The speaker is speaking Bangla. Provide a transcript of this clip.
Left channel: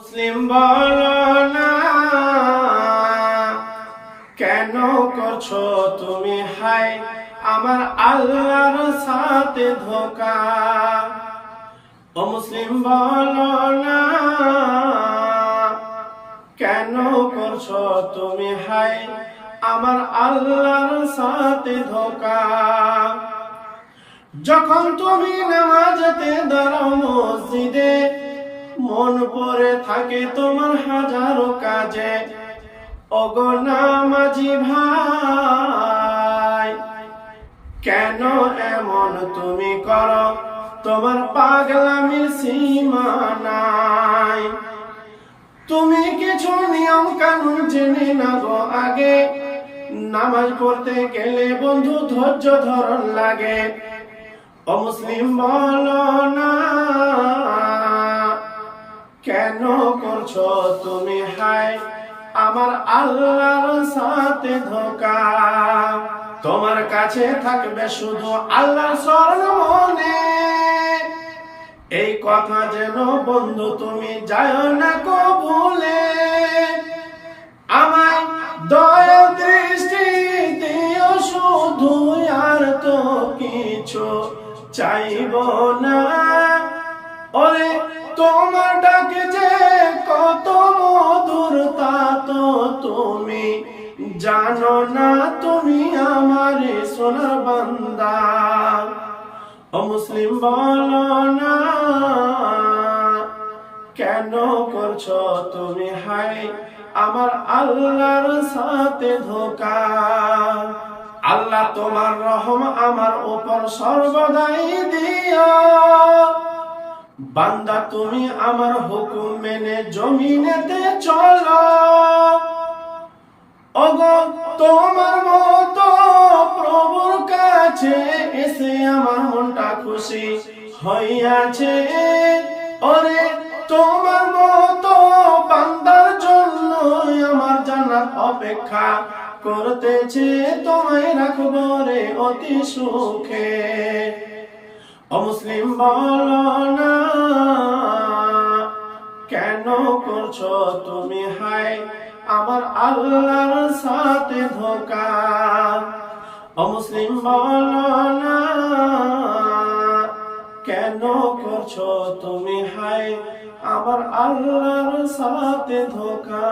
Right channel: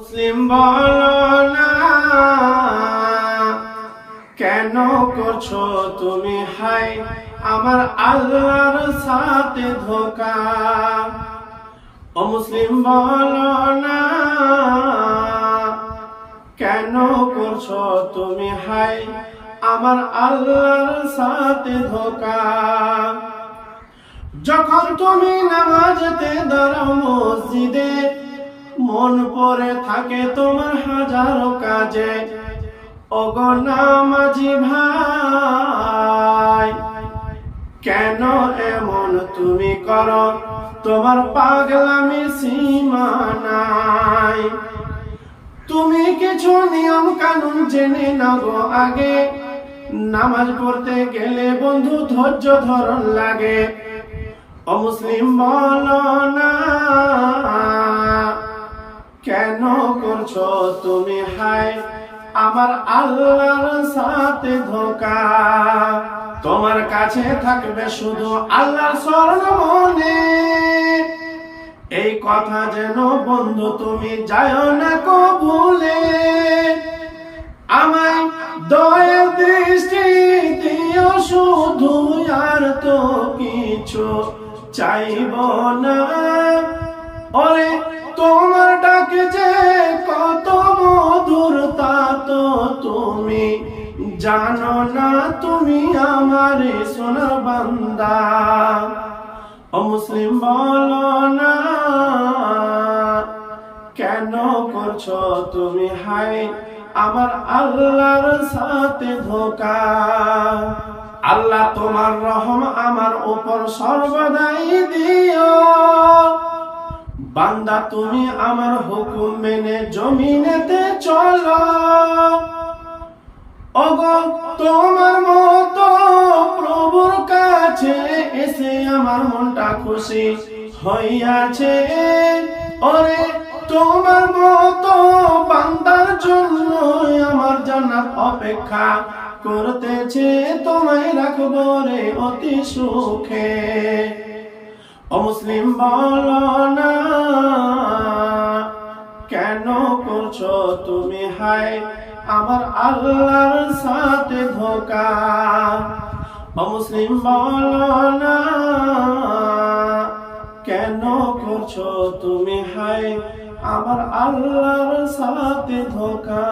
মুসলিম বলো না কেন করছো তুমি হাই আমার আল্লাহর সাথে ধোঁকা। ও মুসলিম বলো না কেন করছো তুমি হাই আমার আল্লাহর সাথে ধোঁকা। যখন তুমি নামাজে দাঁড়াও মসজিদে মন পড়ে থাকে তোমার হাজারো কাজে। ওগো নামাজি ভাই কেন এমন তুমি করো, তোমার পাগলামি সীমা নাই। তুমি কিছু নিয়ম কানুন জেনে নাও আগে, নামাজ পড়তে গেলে বন্ধু ধৈর্য ধরন লাগে। ও মুসলিম বলো না কেন করছো তুমি হাই আমার আল্লাহর সাথে ধোঁকা। তোমার কাছে থাকবে শুধু আল্লাহর স্মরণ মনে, এই কথা যেন বন্ধু তুমি যায় না কো ভুলে। আমায় দয়ার দৃষ্টি দিও শুধু, আর তো কিছু চাইব না। ওরে তোমার ডাকে যে কত মধুর তা তো তুমি জানো না, তুমি আমার সোনার বান্দা। ও মুসলিম বলো না কেন করছো তুমি হাই আমার আল্লাহর সাথে ধোঁকা। আল্লাহ তোমার রহম আমার উপর সর্বদাই দিও, বান্দা তুমি আমার হুকুম মেনে জমিনেতে চলো। ওগো তোমার মতো প্রভুর কাছে এসে আমার মনটা খুশি হইয়াছে। ওরে তোমার মতো বান্দার জন্য আমার জান্নাত অপেক্ষা করতেছে, তোমায় রাখবো রে অতি সুখে। ও মুসলিম বলো না কেন করছো তুমি হাই আমার আল্লাহর সাথে ধোঁকা। ও মুসলিম বলো না কেন করছো তুমি হাই আমার আল্লাহর সাথে ধোঁকা।